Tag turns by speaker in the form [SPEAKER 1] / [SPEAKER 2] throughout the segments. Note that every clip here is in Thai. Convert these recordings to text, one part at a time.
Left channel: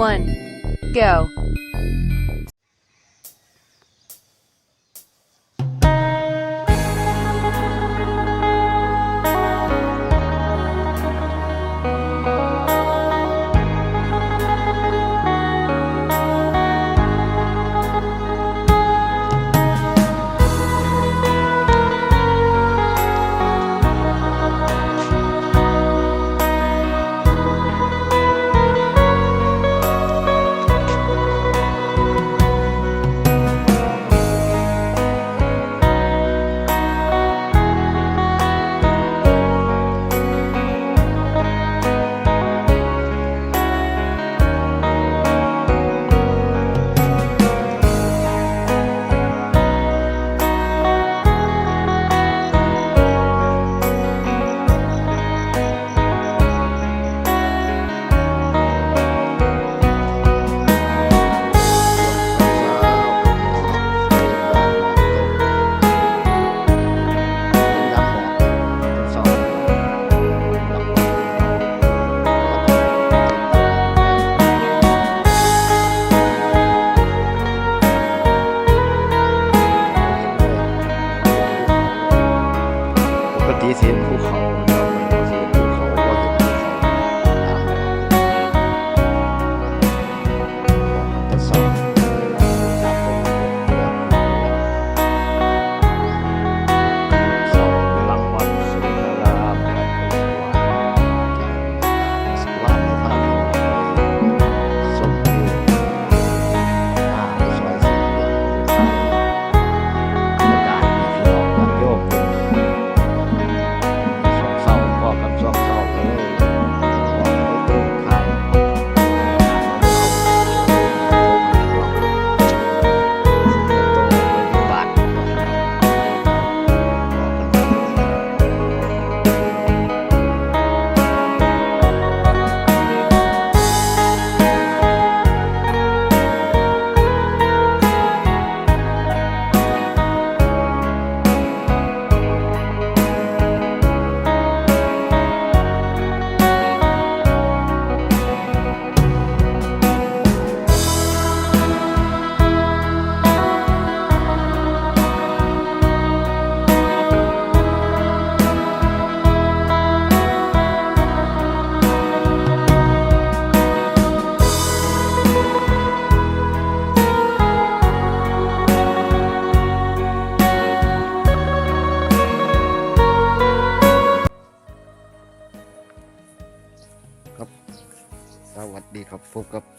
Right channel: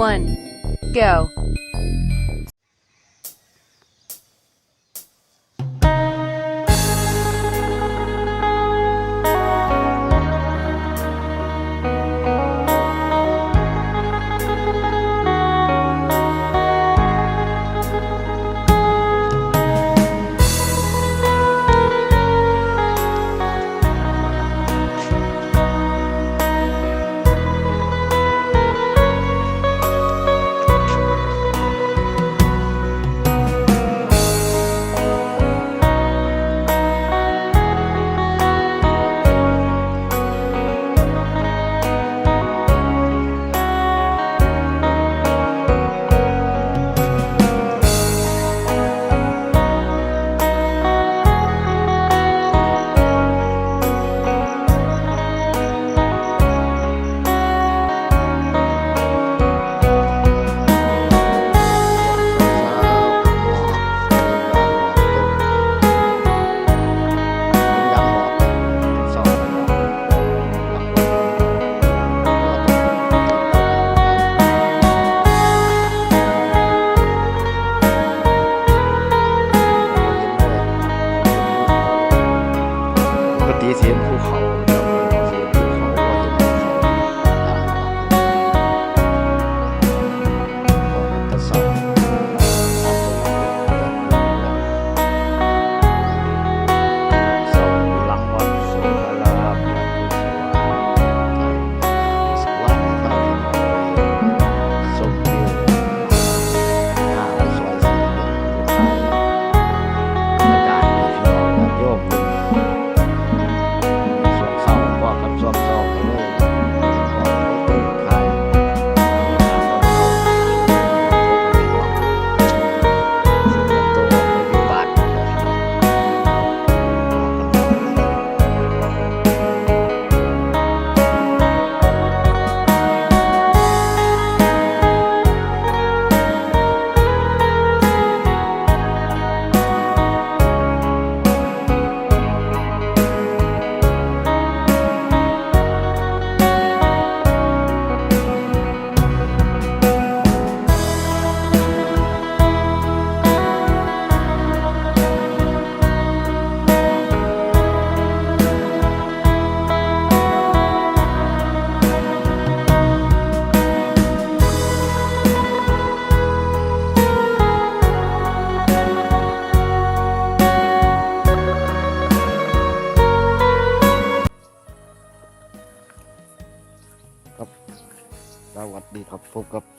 [SPEAKER 1] one, go.
[SPEAKER 2] ปก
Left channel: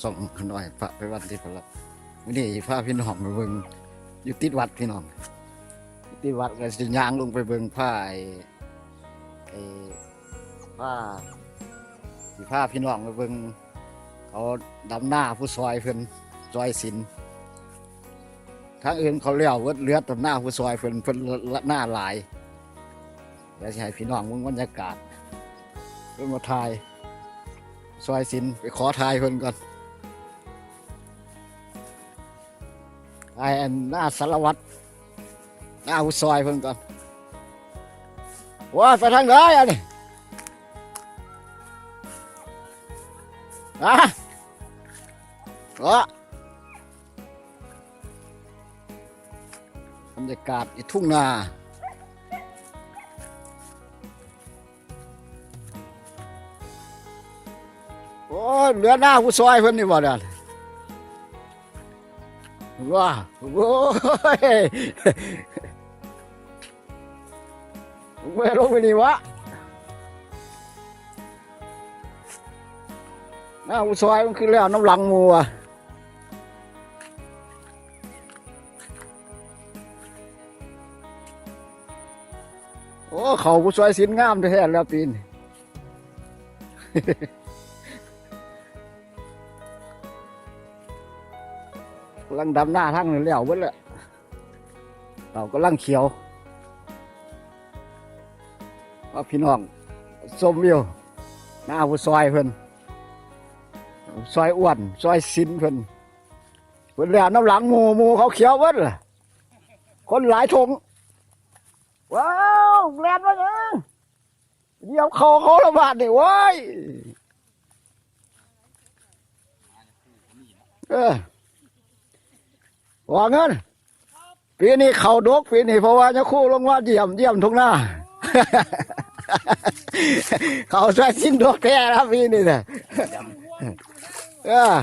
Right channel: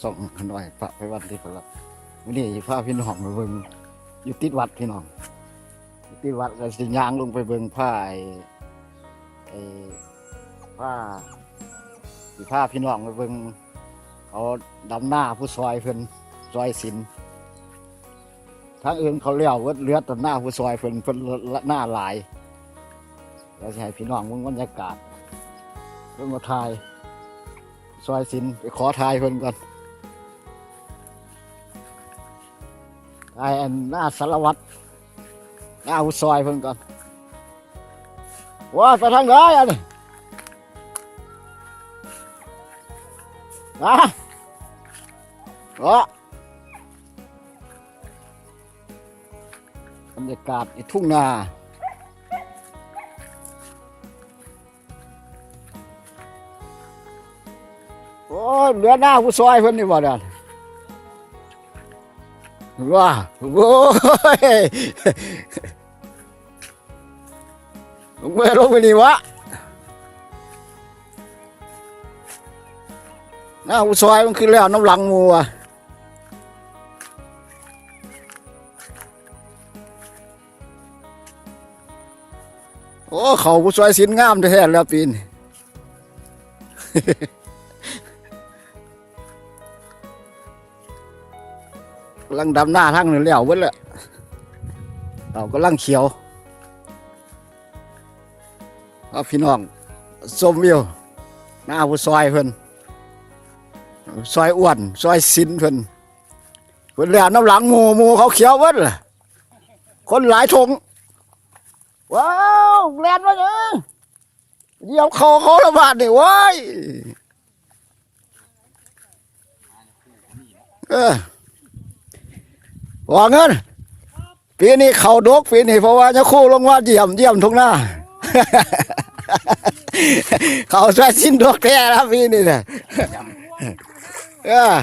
[SPEAKER 2] สองขน้อยพระไปวัดที่พระวันนี้พาพี่น้องไปเบิ่งอยู่ติดวัดพี่น้องยุติดวัดก็สิย่างลงไปเบิ่งผ้าไอ้ไอ้ผ้าที่ผ้าพี่น้องไปเบิ่งเขาดำหน้าผู้ซอยเพิ่นซอยสินทางอื่นเขาเลี้ยวเลือดดำหน้าผู้ซอยเพิ่นเพิ่นละหน้าหลายเดี๋ยวให้พี่น้องเบิ่งบรรยากาศเพิ่นมาถ่ายซอยสินไปขอทายเพิ่นก่อน ไอ้อันหน้าสารวัตรหน้าอุซอยเพิ่นก่อนว่าไปทางไหนอะนี่อะวะบรรยากาศอีทุ่งนาโอ้ยเหลือหน้าผู้ซอยเพิ่นนี่บ่เด้อ ว้าโอ้ยเมื่อลงไปนี่วะน้าผู้ซอยมันคือแล้วน้ำหลังมูอะโอ้เขาผู้ซอยสินงามแท้แล้วปีน ลังดำหน้าทั้งนี่แล้วเบิดเลยเรากำลังเขียวว่าพี่น้องส้มอยู่หน้าผู้ซอยเพิ่นซอยอ้วนซอยสินเพิ่นเพิ่นแล้วน้ำหลังหมูหมูเขาเขียวเบิดเลยคนหลายทงว้าวแลนมาเนี่ยเดี๋ยวเขาเขาละบาดนี่เว้ยเออ ว่าเงินปีนี้เขาดกปีนี้เพราะว่าจะคู่ลงว่าเยี่ยมเยี่ยมทุกหน้า เขาใช้สิ้นดกแท้นะปีนี้เนี่ยเออ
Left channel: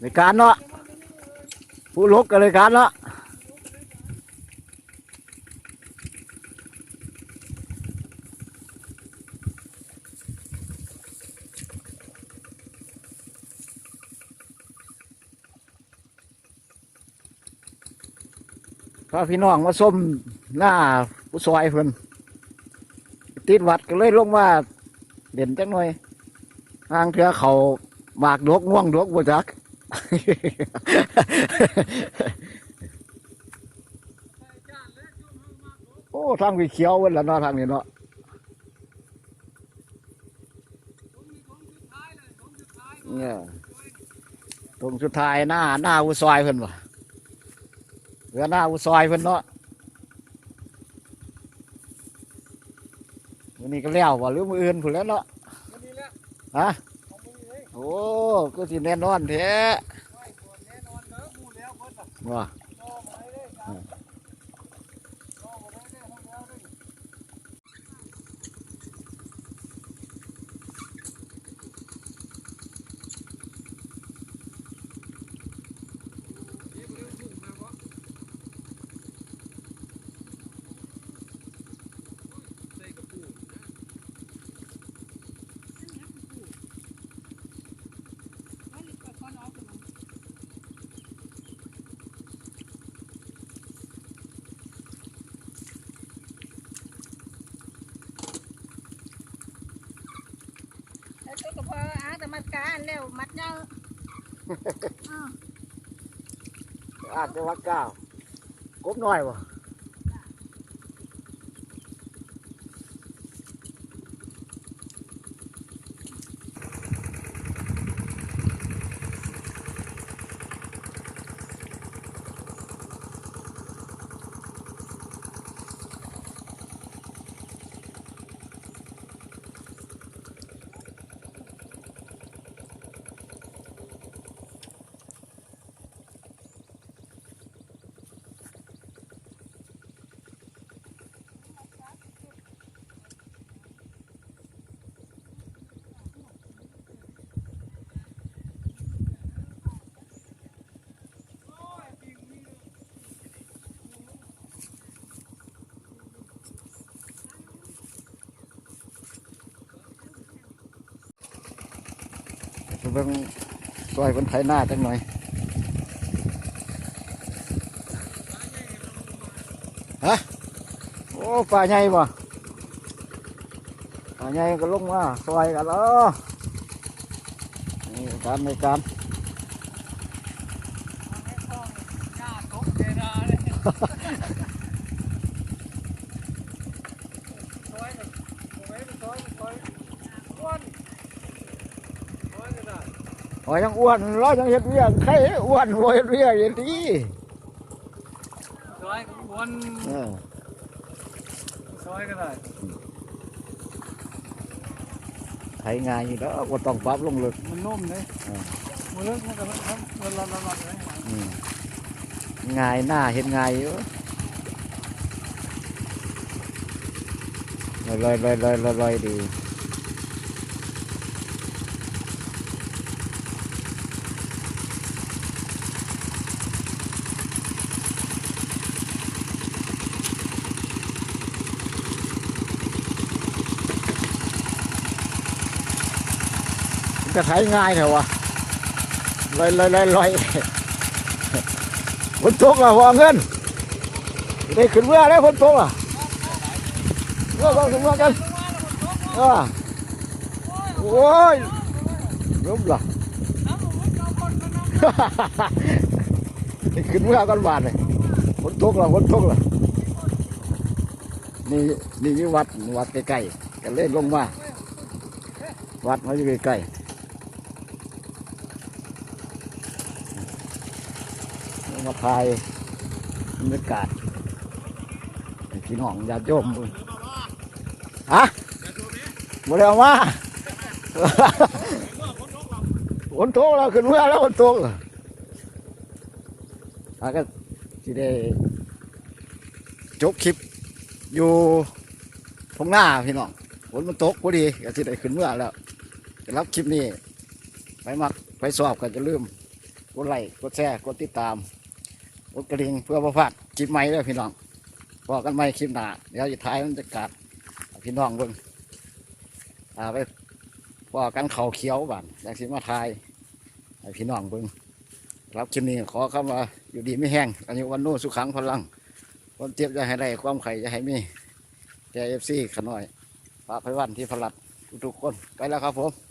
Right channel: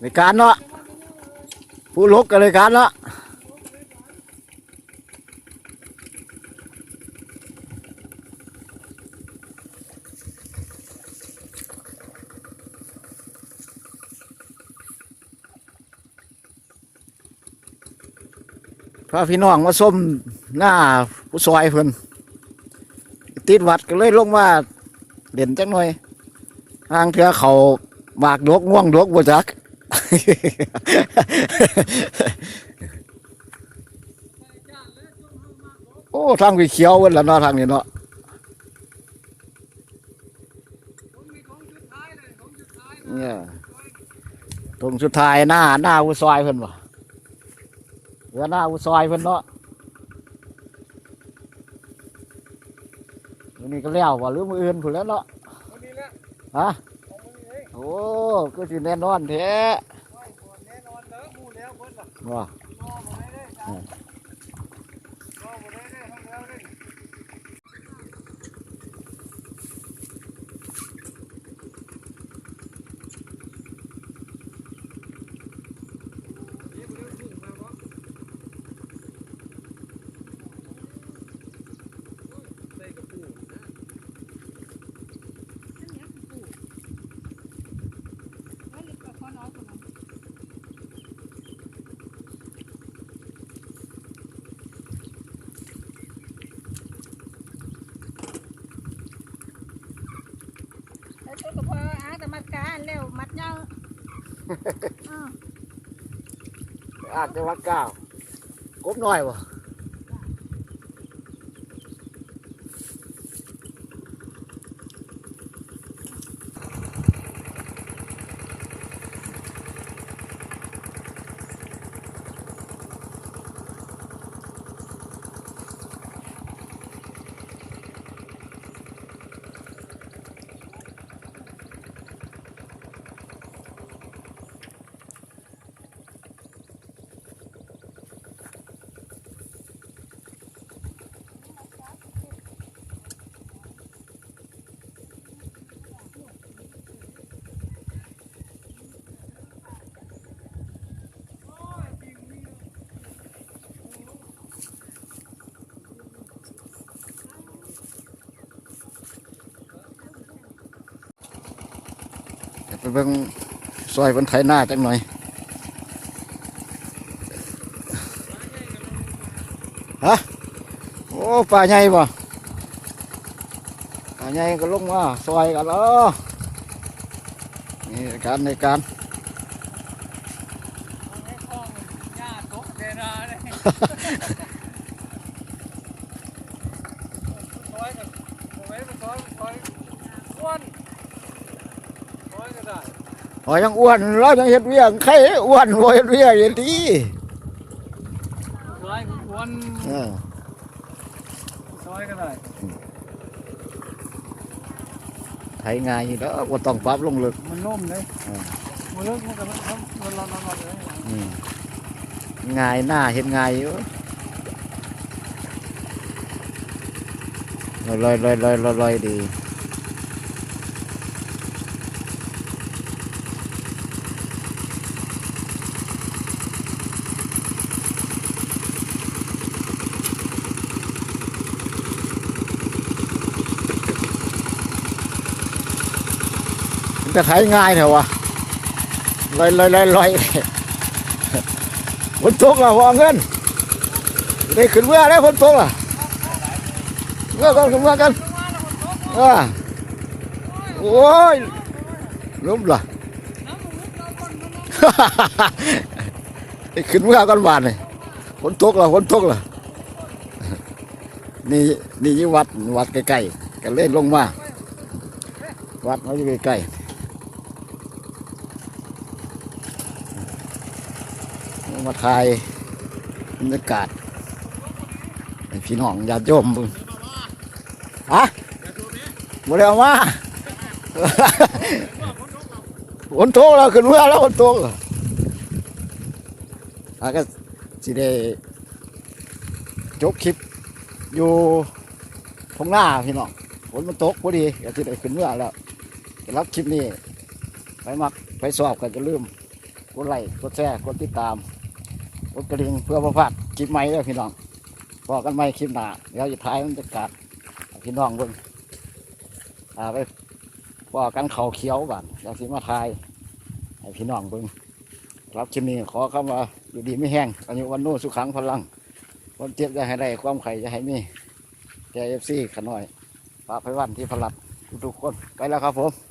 [SPEAKER 2] ในการเนาะผู้ลกกันเลยการเนาะพาพี่น้องมาส้มหน้าผู้ซอยเพิ่นติดวัดก็เลยลงมาเด่นจังหน่อยทางเถือเขาหมากดกง่วงดกบ่จัก โอ้ทางวีเขียวเวันละเนาะทางนี้เนาะเนี่ยตรงสุดท้ายหน้าหน้าอุซอยเพิ่นวะเหลือหน้าอุซอยเพิ่นเนาะวันนี้ก็แล้ววะหรือมืออื่นผุนแล้วเนาะฮะ ก็สิแน่นอนแท้ว่า
[SPEAKER 1] การแล้วมัดเน
[SPEAKER 2] เก้าวกบน้อยวะไปเบิ่งซอยคนไถหน้าจังหน่อยฮะโอ้ปลาใหญ่บ่ปลาใหญ่ก็ลงมาซอยกันแล้วนี่การในการ โอ้ยยังอ้วนเรายังเห็ดเวียกใครอ้วนโวยเห็ดเวียกอย่างดี
[SPEAKER 3] ซอยวน
[SPEAKER 2] เออ
[SPEAKER 3] ซอยก็ได้
[SPEAKER 2] ไถงานอยู่แล้วก็ต้องปรับลงลึก
[SPEAKER 3] มันนุ่มเลย
[SPEAKER 2] อ่า
[SPEAKER 3] มันเลิกมันก็มันมันละละละเลย
[SPEAKER 2] อืมง่ายหน้าเห็นง่ายอยู่ลอยลอยลอยลอยลอยลอยดี จะไถง่ายเถอะวะลอยลอยลอยลอยฝนตกอะหัวเงินได้ขึ้นเมื่อแล้วฝนตกอะเมื่อกันขึ้นเมื่อกันอ่าโอ้ยล้มละขึ้นเมื่อกันบาทเลยฝนตกละฝนตกละนี่นี่วัดวัดใกล้ๆก็เล่นลงมาวัดมาอยู่ใกล้ๆลง มาถ่ายบรรยากาศพี่น้องญาติโยมเบิ่งฮะบ่ได้เอามาฝนตกแล้วขึ้นเมื่อแล้วฝนตกอาก็สิได้จบคลิปอยู่ทงหน้าพี่น้องฝนมันตกพอดีก็สิได้ขึ้นเมื่อแล้วรับคลิปนี้ไปมักไปสอบก็จะลืมกดไลค์กดแชร์กดติดตาม กดกระดิ่งเพื่อประพลาดคลิปใหม่เลยพี่น้องบอกกันใหม่คลิปหน้าเดี๋ยวจะถ่ายบรรยากาศให้พี่น้องเบิ่งอ่าไปพอกันเขาเขียวบ้านอยากสิมาทายให้พี่น้องเบิ่งรับคลิปนี้ขอคำว่าอยู่ดีไม่แห้งอันนี้วันโน้สุขังพลังความเจ็บจะให้ได้ความไข่จะให้มีแกเอฟซีขน่อยพระไพวันที่พลัดทุกๆคนไปแล้วครับผม